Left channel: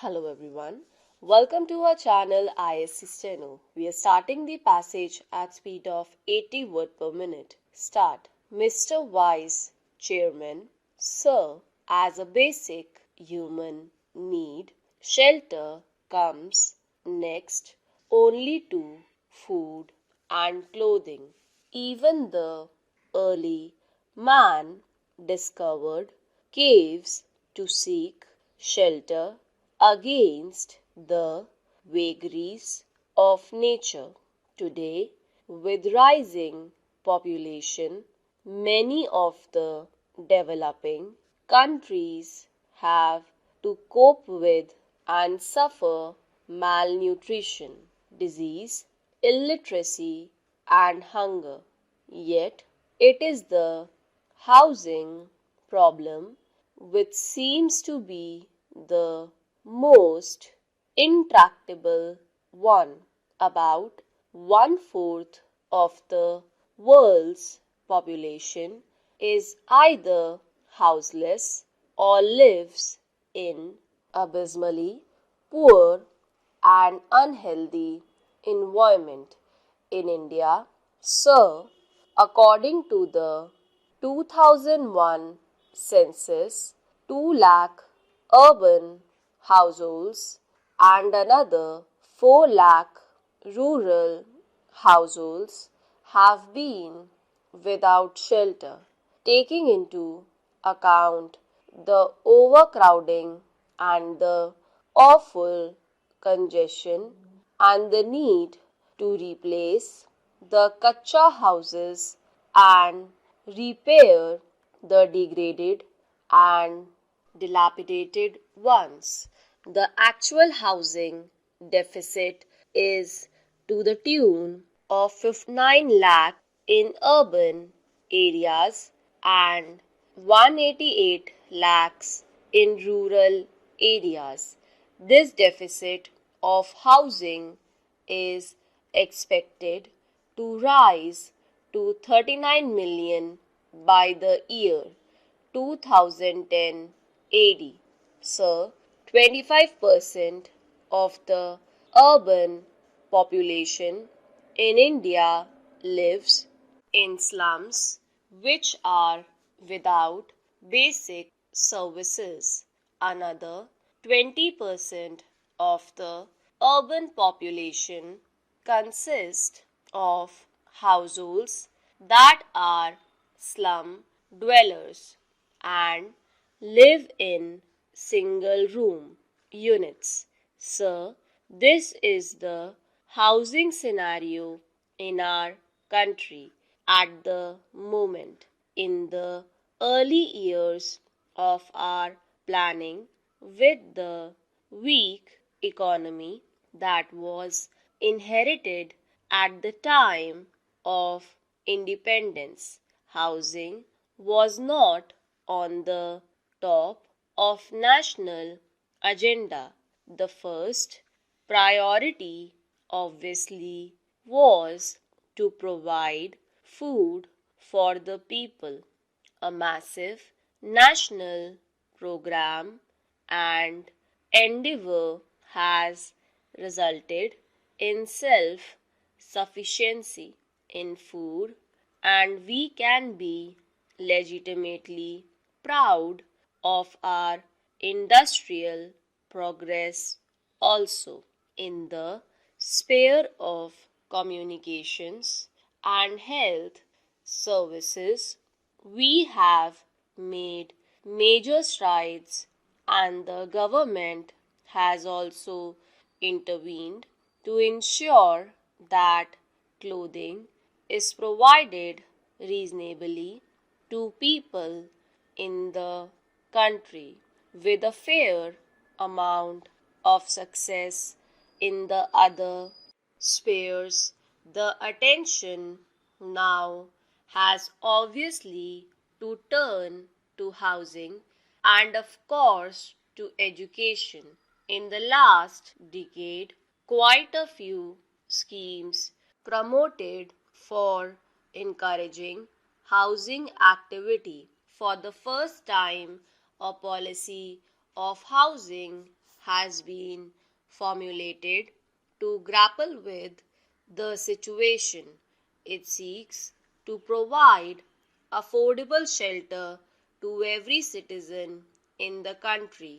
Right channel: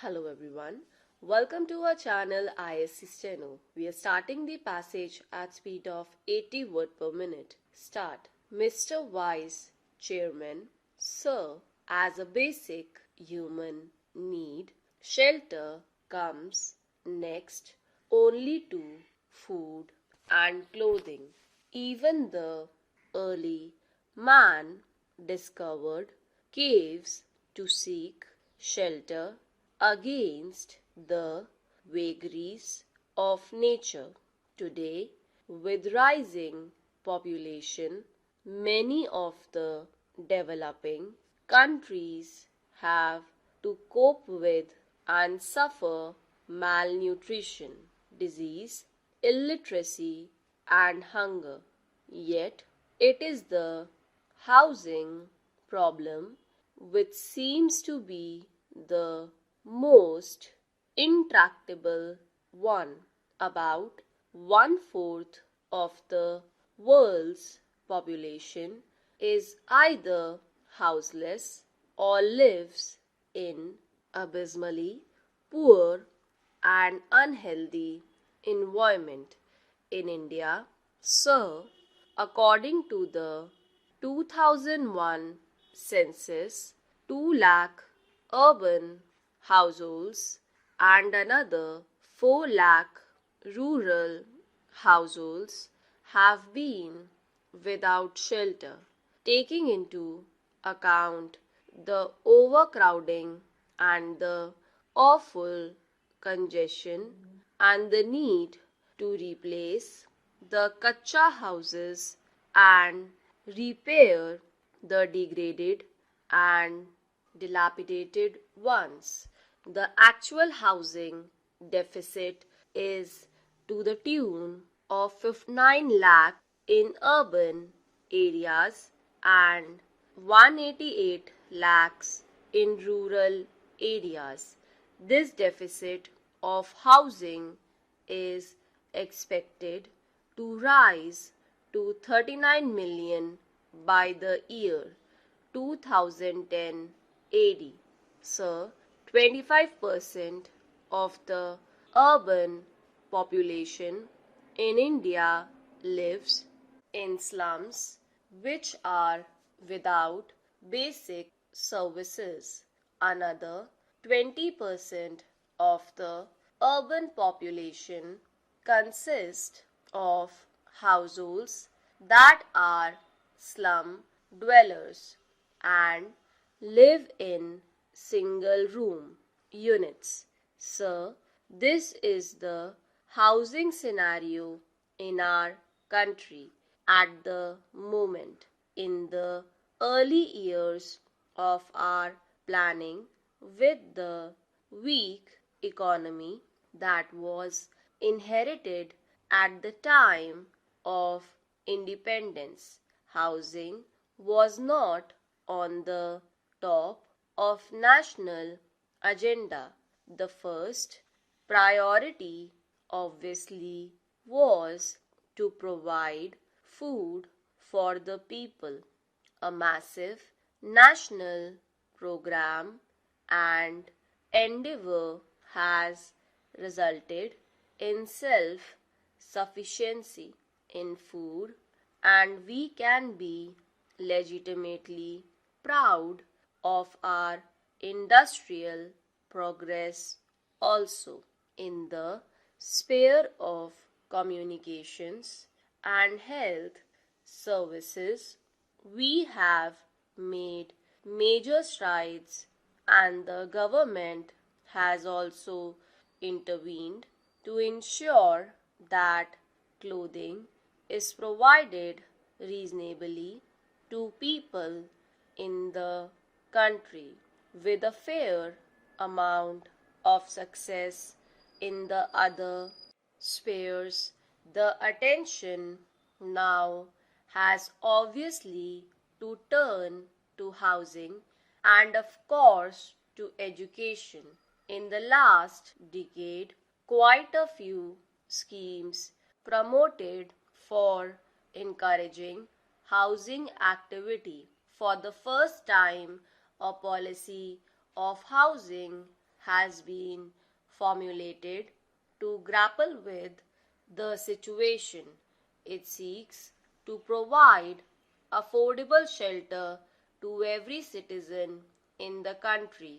Hello everyone. Welcome to our channel ISC Steno. We are starting the passage at speed of 80 words per minute. Start. Mr. Vice Chairman, Sir, as a basic human need, shelter comes next only to food and clothing. Even the early man discovered caves to seek shelter against the vagaries of nature. Today, with rising population, many of the developing countries have to cope with and suffer malnutrition, disease, illiteracy, and hunger. Yet, it is the housing problem which seems to be the most intractable one. About one-fourth of the world's population is either houseless or lives in abysmally poor and unhealthy environment. In India, sir, according to the 2001 census, 2 lakh urban households and another 4 lakh rural households have been without shelter, taking into account the overcrowding and the awful congestion and the need to replace the kacha houses and repair the degraded and dilapidated ones. The actual housing deficit is to the tune of 59 lakh in urban areas and 188 lakhs in rural areas. This deficit of housing is expected to rise to 39 million by the year 2010 AD. So, 25% of the urban population in India lives in slums which are without basic services. Another 20% of the urban population consists of households that are slum dwellers and live in single room units. So, this is the housing scenario in our country at the moment. In the early years of our planning, with the weak economy that was inherited at the time of independence, housing was not on the top of national agenda. The first priority obviously was to provide food for the people. A massive national program and endeavor has resulted in self-sufficiency in food, and we can be legitimately proud of our industrial progress also. In the sphere of communications and health services, we have made major strides, and the government has also intervened to ensure that clothing is provided reasonably to people in the country. With a fair amount of success in the other spheres, the attention now has obviously to turn to housing and, of course, to education. In the last decade, quite a few schemes promoted for encouraging housing activity. For the first time, a policy of housing has been formulated to grapple with the situation. It seeks to provide affordable shelter to every citizen in the country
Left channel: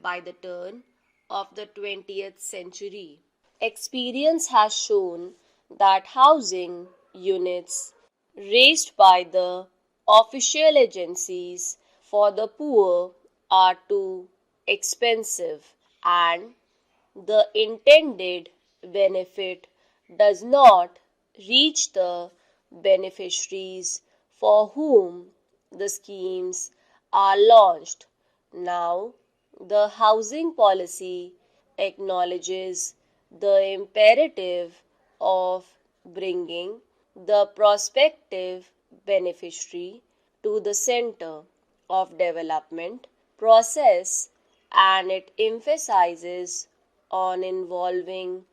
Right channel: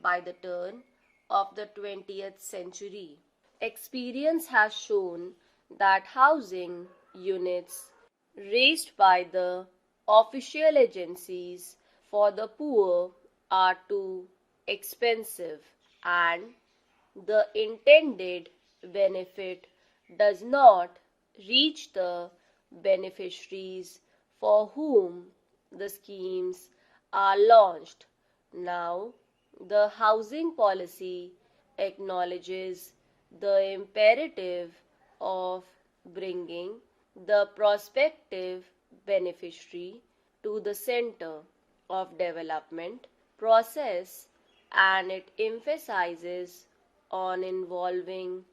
by the turn of the 20th century. Experience has shown that housing units raised by the official agencies for the poor are too expensive and the intended benefit does not reach the beneficiaries for whom the schemes are launched. Now, the housing policy acknowledges the imperative of bringing the prospective beneficiary to the center of development process, and it emphasizes on involving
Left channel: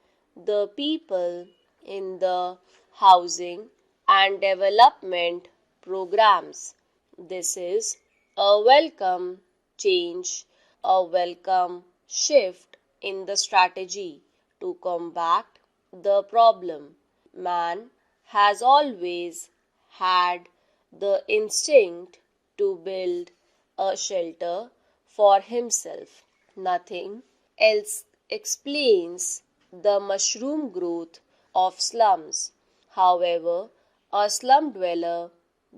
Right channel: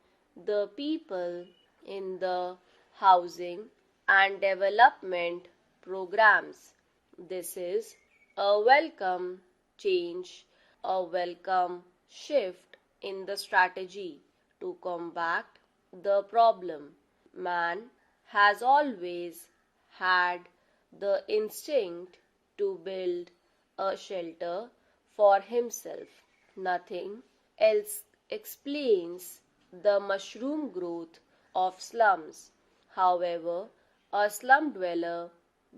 the people in the housing and development programs. This is a welcome change, a welcome shift in the strategy to combat the problem. Man has always had the instinct to build a shelter for himself. Nothing else explains the mushroom growth of slums. However, a slum dweller,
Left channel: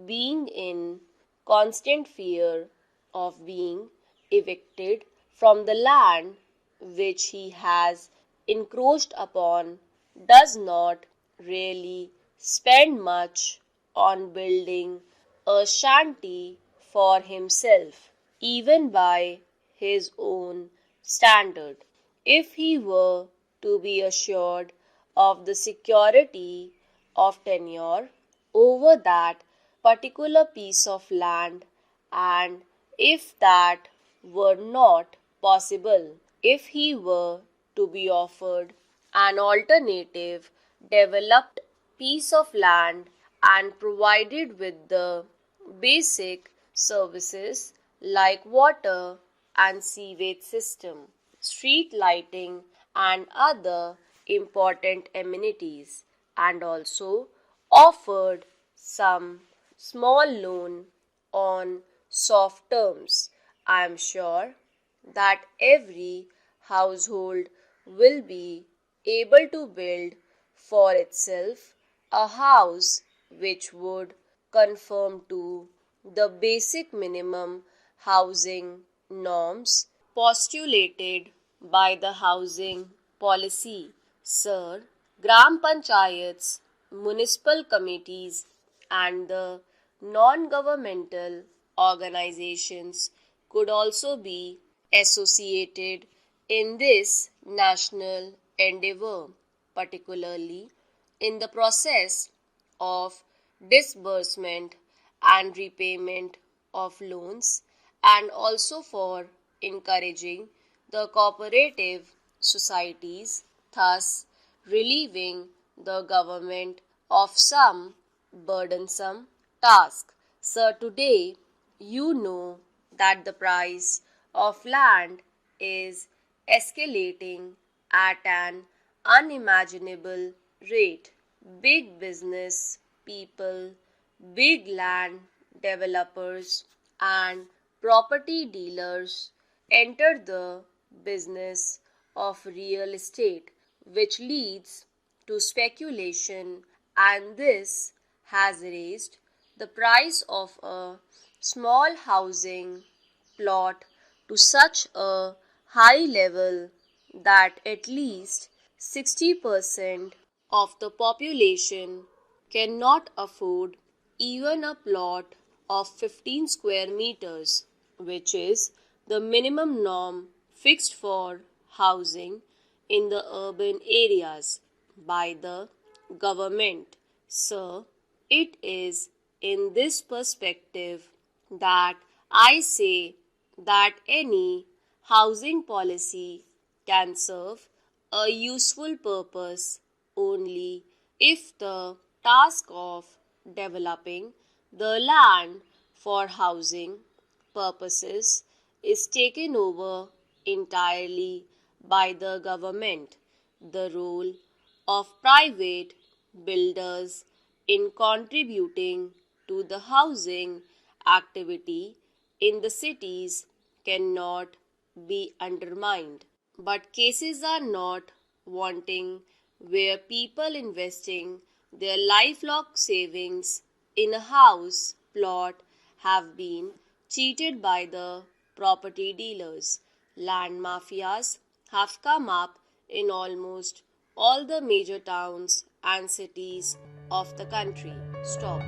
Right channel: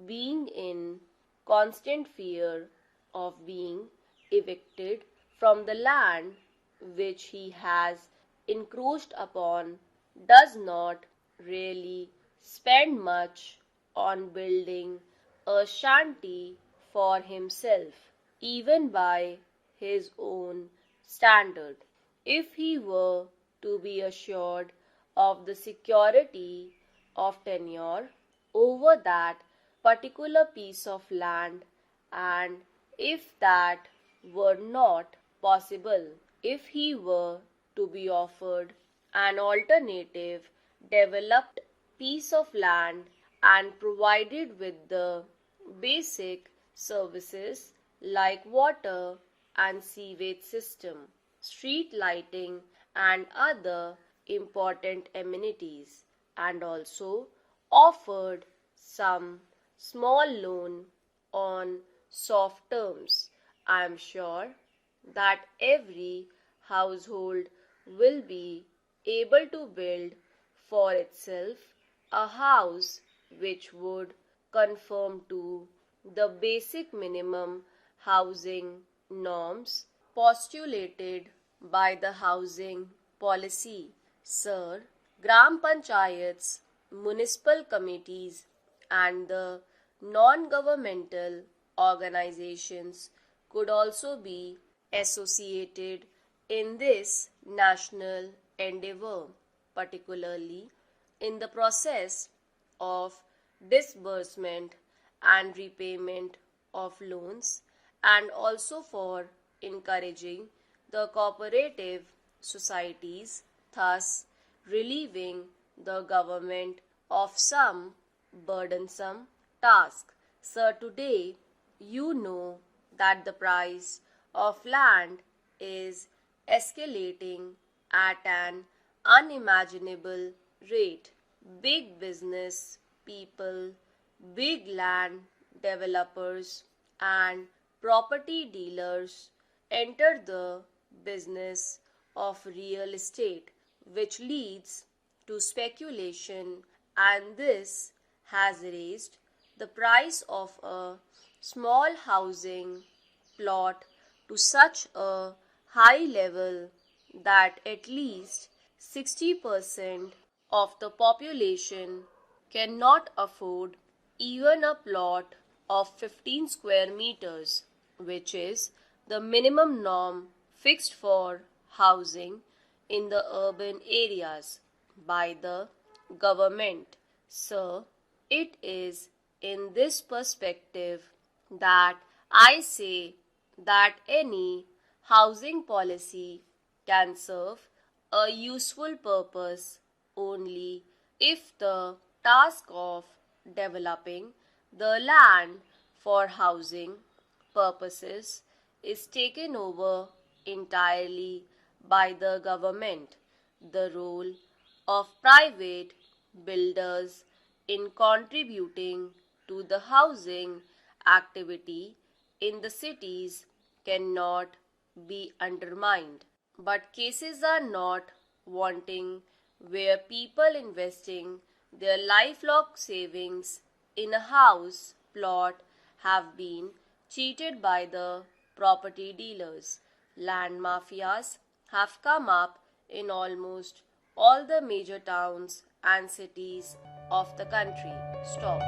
being in constant fear of being evicted from the land which he has encroached upon, does not really spend much on building a shanty for himself, even by his own standard. If he were to be assured of the security of tenure over that particular piece of land, and if that were not possible, if he were to be offered an alternative developed piece of land and provided with the basic services like water and sewage system, street lighting, and other important amenities, and also offered some small loan on soft terms. I am sure that every household will be able to build for itself a house which would conform to the basic minimum housing norms postulated by the housing policy. Sir, Gram Panchayats, municipal committees, and the non-governmental organizations could also be associated in this national endeavor, particularly in the process of disbursement and repayment of loans, and also for encouraging the cooperative societies, thus relieving the government of some burdensome task. Sir, today you know that the price of land is escalating at an unimaginable rate. Big business people, big land developers, and property dealers enter the business of real estate, which leads to speculation, and this has raised the price of a small housing plot to such a high level that at least 60% of the population cannot afford even a plot of 15 square meters, which is the minimum norm fixed for housing in the urban areas by the government. Sir, it is in this perspective that I say that any housing policy can serve a useful purpose only if the task of developing the land for housing purposes is taken over entirely by the government. The role of private builders in contributing to the housing activity in the cities cannot be undermined. But cases are not wanting where people investing their lifelong savings in a house plot have been cheated by the property dealers. Land mafias have come up in almost all the major towns and cities of the country. Stop.